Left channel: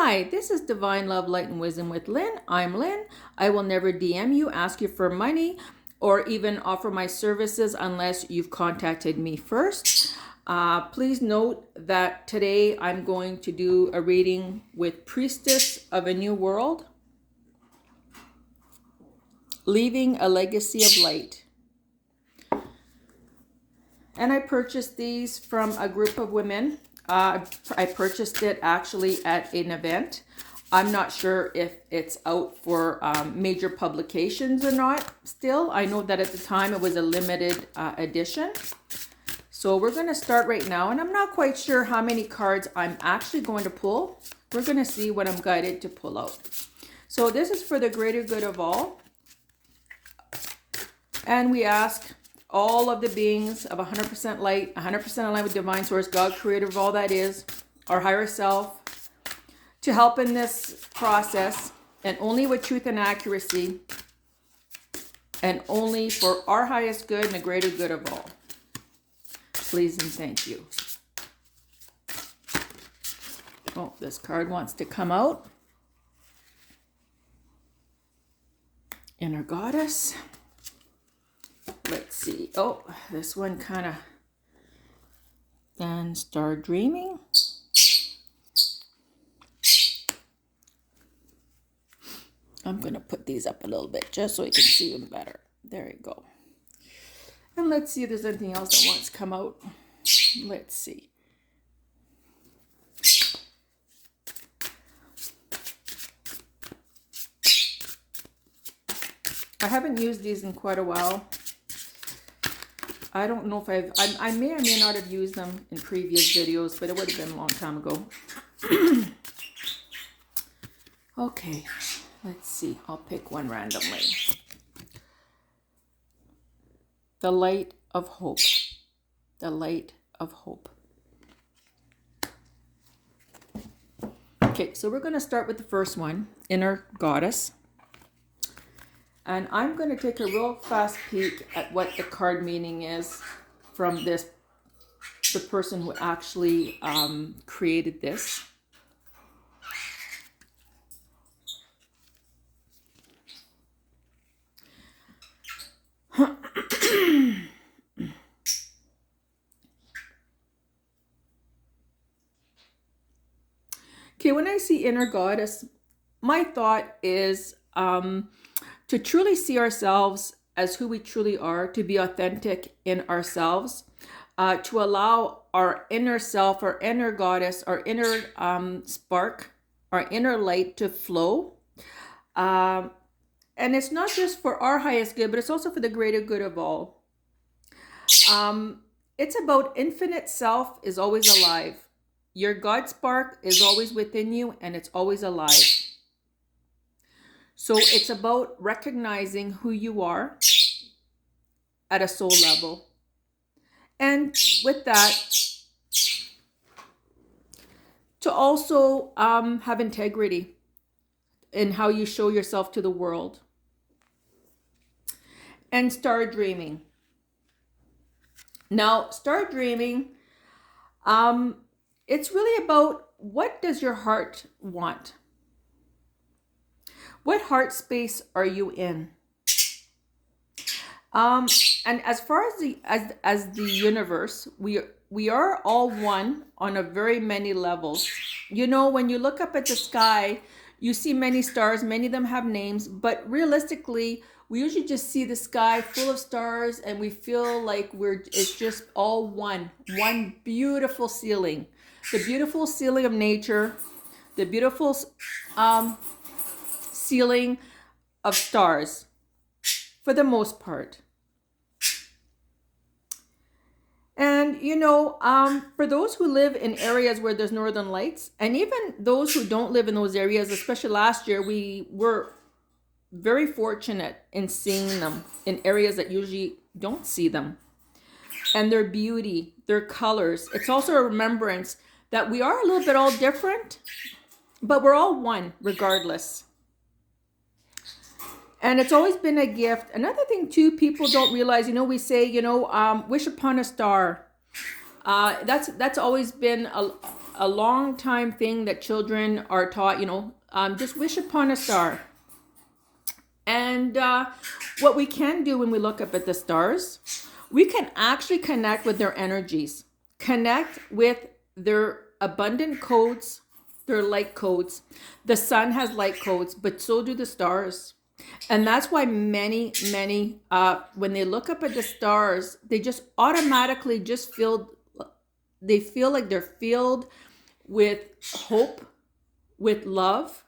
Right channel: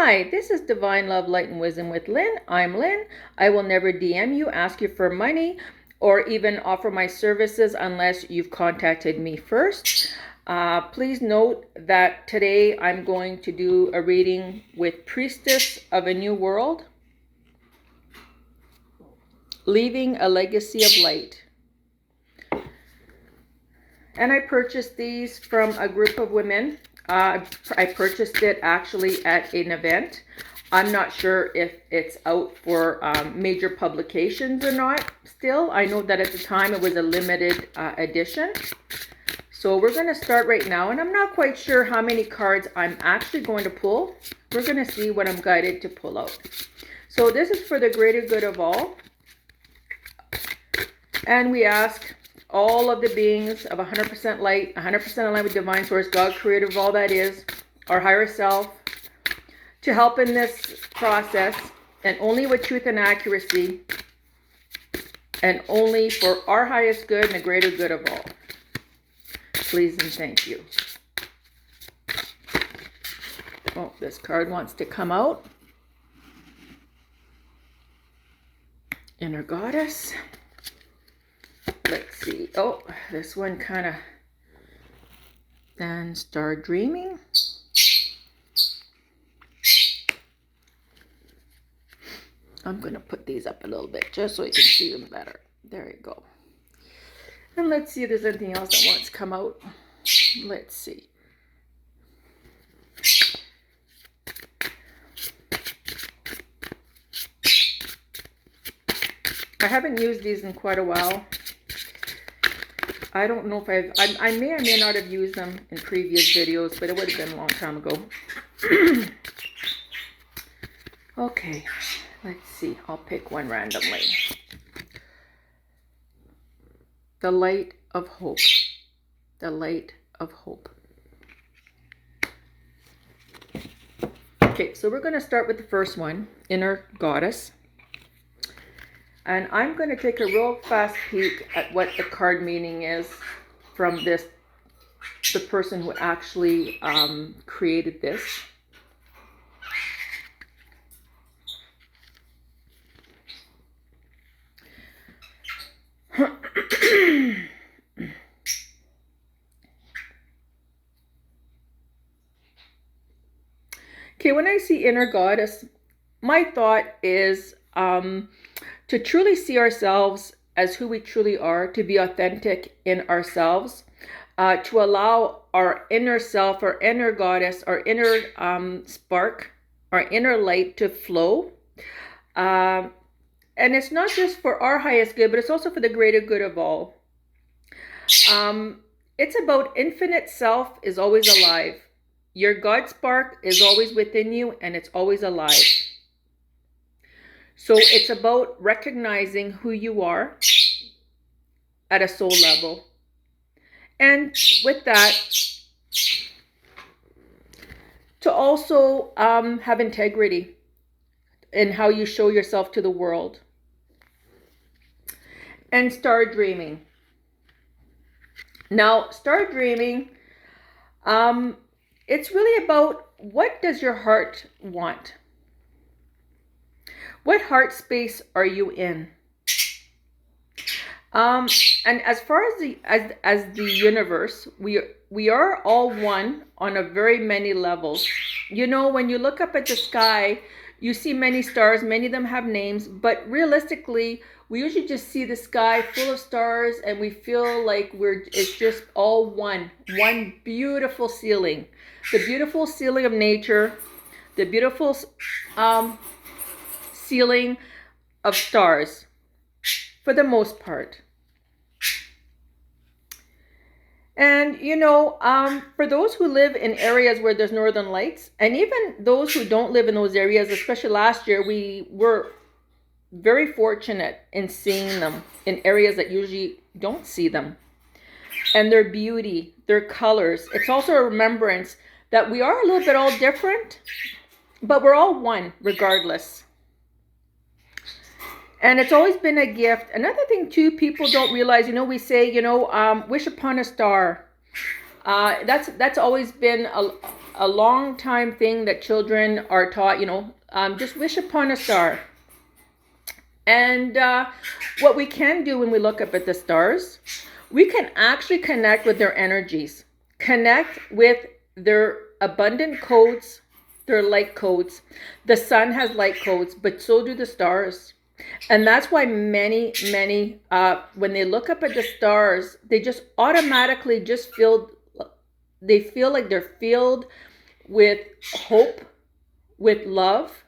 Hi, this is Divine Love, Light, and Wisdom with Lynn. I'm Lynn. I will never DM you, ask you for money, or even offer my services unless you've contacted me first. Please note that today I'm going to do a reading with Priestess of a New World, Leaving a Legacy of Light. And I purchased these from a group of women. I purchased it actually at an event. I'm not sure if it's out for major publications or not still. I know that at the time it was a limited edition. So we're going to start right now, and I'm not quite sure how many cards I'm actually going to pull. We're going to see what I'm guided to pull out. So this is for the greater good of all. And we ask all of the beings of 100% light, 100% aligned with divine source, God, creator of all that is, our higher self, to help in this process, and only with truth and accuracy, and only for our highest good and the greater good of all. Please and thank you. Oh, this card wants to come out. Inner Goddess. Let's see. Oh, this one kind of. Then Start Dreaming. I'm going to put these up a little bit just so you can see them better. There you go. And let's see if there's anything else that wants to come out. Let's see. I haven't used these in quite a while. I don't know if I may or may not have used them in previous videos, but it would have been a long time ago. Okay, let's see. I'll pick one randomly. The Light of Hope. The Light of Hope. Okay, so we're going to start with the first one, Inner Goddess. And I'm going to take a real fast peek at what the card meaning is from the person who actually created this. Okay, when I see Inner Goddess, my thought is to truly see ourselves as who we truly are, to be authentic in ourselves, to allow our inner self, our inner goddess, our inner spark, our inner light to flow. And it's not just for our highest good, but it's also for the greater good of all. It's about infinite self is always alive. Your God spark is always within you, and it's always alive. So it's about recognizing who you are at a soul level. And with that, to also have integrity in how you show yourself to the world. And start dreaming. Now, start dreaming. It's really about, what does your heart want? What heart space are you in? And as far as the universe, we are all one on a very many levels. You know, when you look up at the sky, you see many stars. Many of them have names, but realistically, we usually just see the sky full of stars, and we feel like it's just all one beautiful ceiling. The beautiful ceiling of nature, the beautiful ceiling of stars, for the most part. And you know, for those who live in areas where there's northern lights, and even those who don't live in those areas, especially last year, we were very fortunate in seeing them in areas that usually don't see them. And their beauty, their colors. It's also a remembrance that we are a little bit all different, but we're all one regardless. And it's always been a gift. Another thing too, people don't realize, you know, we say, you know, wish upon a star. That's always been a long time thing that children are taught, just wish upon a star. And what we can do when we look up at the stars, we can actually connect with their energies, connect with their abundant codes, their light codes. The sun has light codes, but so do the stars. And that's why many, when they look up at the stars, they just automatically they feel like they're filled with hope, with love,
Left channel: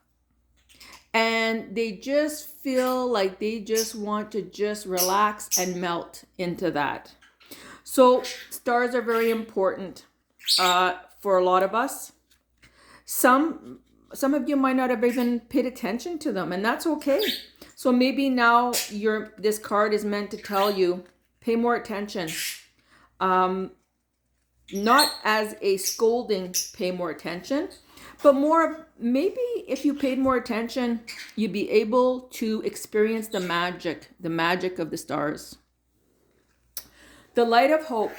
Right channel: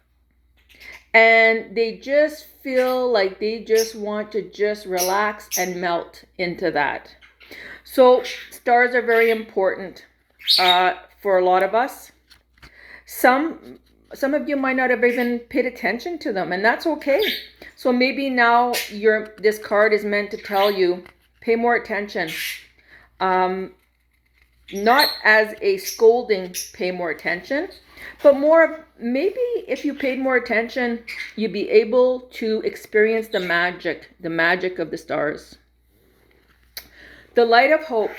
and they just feel like they just want to just relax and melt into that. So stars are very important for a lot of us. Some of you might not have even paid attention to them, and that's okay. So maybe now this card is meant to tell you, pay more attention. Not as a scolding, pay more attention, but more of maybe if you paid more attention, you'd be able to experience the magic of the stars. The light of hope.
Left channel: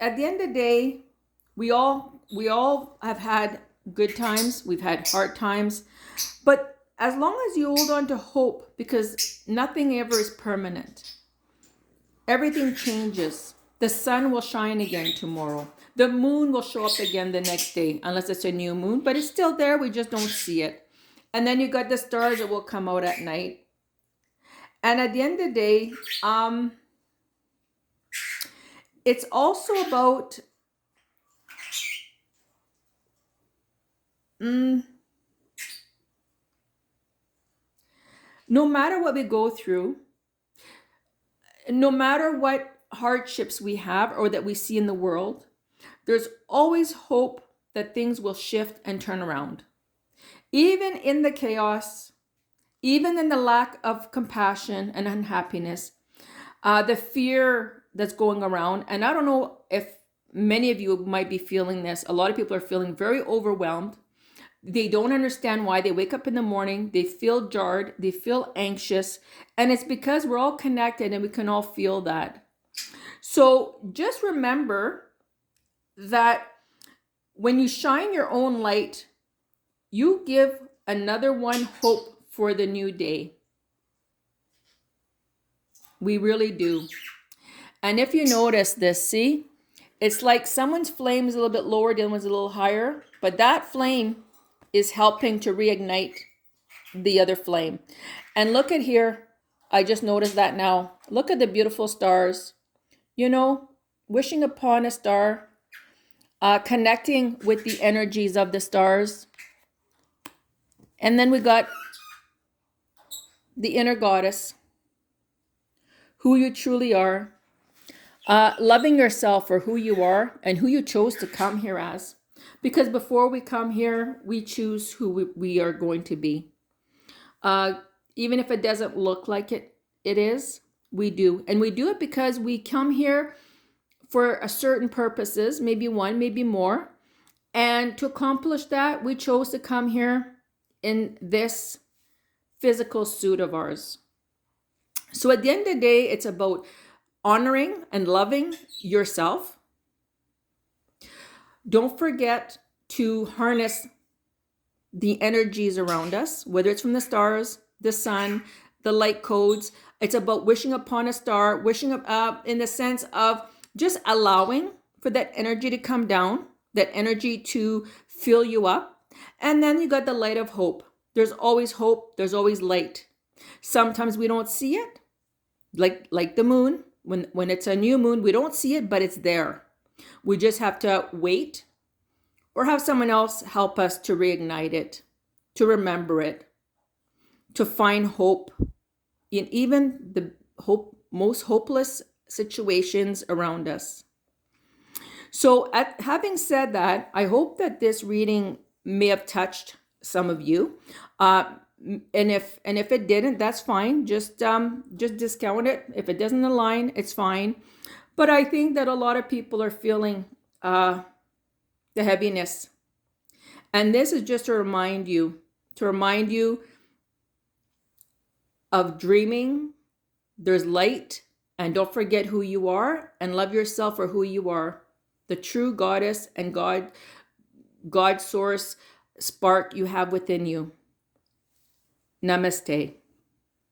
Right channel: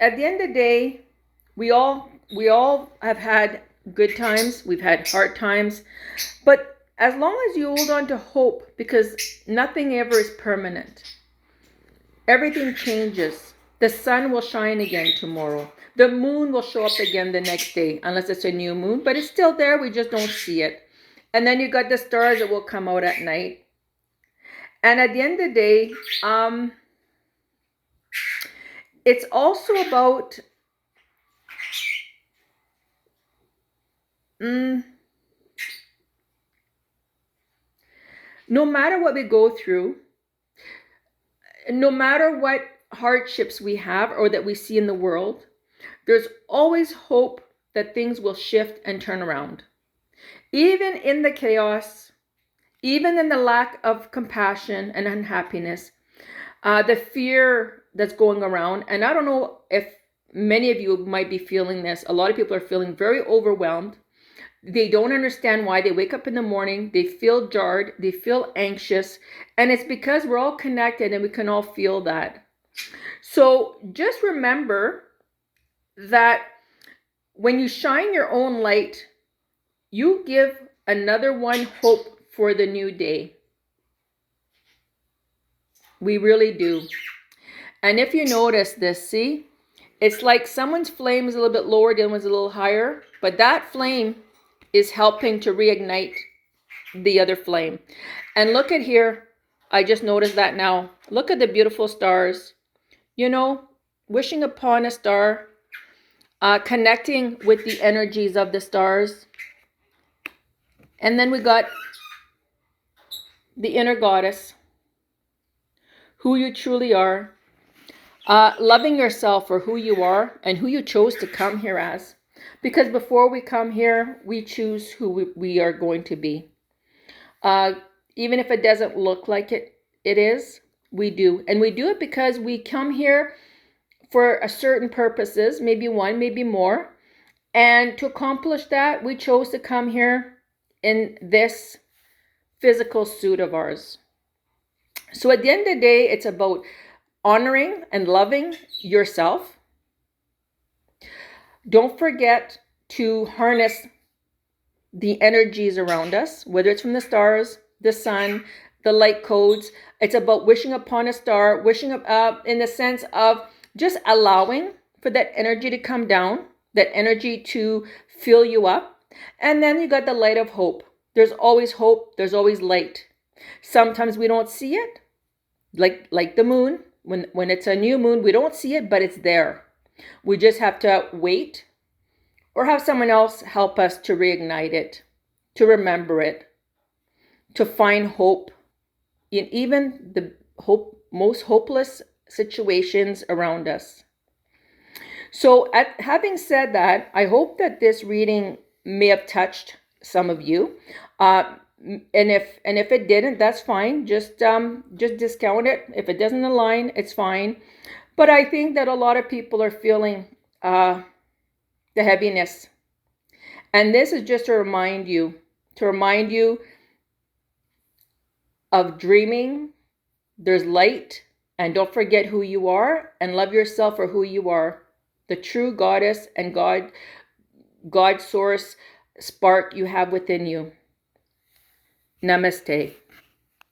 At the end of the day, we all have had good times, we've had hard times, but as long as you hold on to hope, because nothing ever is permanent. Everything changes. The sun will shine again tomorrow. The moon will show up again the next day, unless it's a new moon, but it's still there. We just don't see it. And then you got the stars that will come out at night. And at the end of the day, it's also about no matter what we go through, no matter what hardships we have or that we see in the world, there's always hope that things will shift and turn around. Even in the chaos, even in the lack of compassion and unhappiness, the fear that's going around, and I don't know if many of you might be feeling this. A lot of people are feeling very overwhelmed. They don't understand why. They wake up in the morning, they feel jarred, they feel anxious, and it's because we're all connected and we can all feel that. So just remember that when you shine your own light, you give another one hope for the new day. We really do. And if you notice this, see, it's like someone's flame is a little bit lower, the other one's a little higher, but that flame is helping to reignite the other flame. And look at here, I just noticed that now. Look at the beautiful stars. Wishing upon a star, connecting with the energies of the stars. And then we got the inner goddess, who you truly are, loving yourself for who you are and who you chose to come here as. Because before we come here, we choose who we are going to be. Even if it doesn't look like it is, we do. And we do it because we come here for a certain purposes, maybe one, maybe more. And to accomplish that, we chose to come here in this physical suit of ours. So at the end of the day, it's about honoring and loving yourself. Don't forget to harness the energies around us, whether it's from the stars, the sun, the light codes. It's about wishing upon a star, wishing up in the sense of just allowing for that energy to come down, that energy to fill you up. And then you got the light of hope. There's always hope. There's always light. Sometimes we don't see it, like the moon. When it's a new moon, we don't see it, but it's there. We just have to wait or have someone else help us to reignite it, to remember it, to find hope in even the most hopeless situations around us. So having said that, I hope that this reading may have touched some of you. And if it didn't, that's fine. Just discount it. If it doesn't align, it's fine. But I think that a lot of people are feeling the heaviness. And this is just to remind you of dreaming. There's light, and don't forget who you are, and love yourself for who you are. the true goddess and God source spark you have within you. Namaste.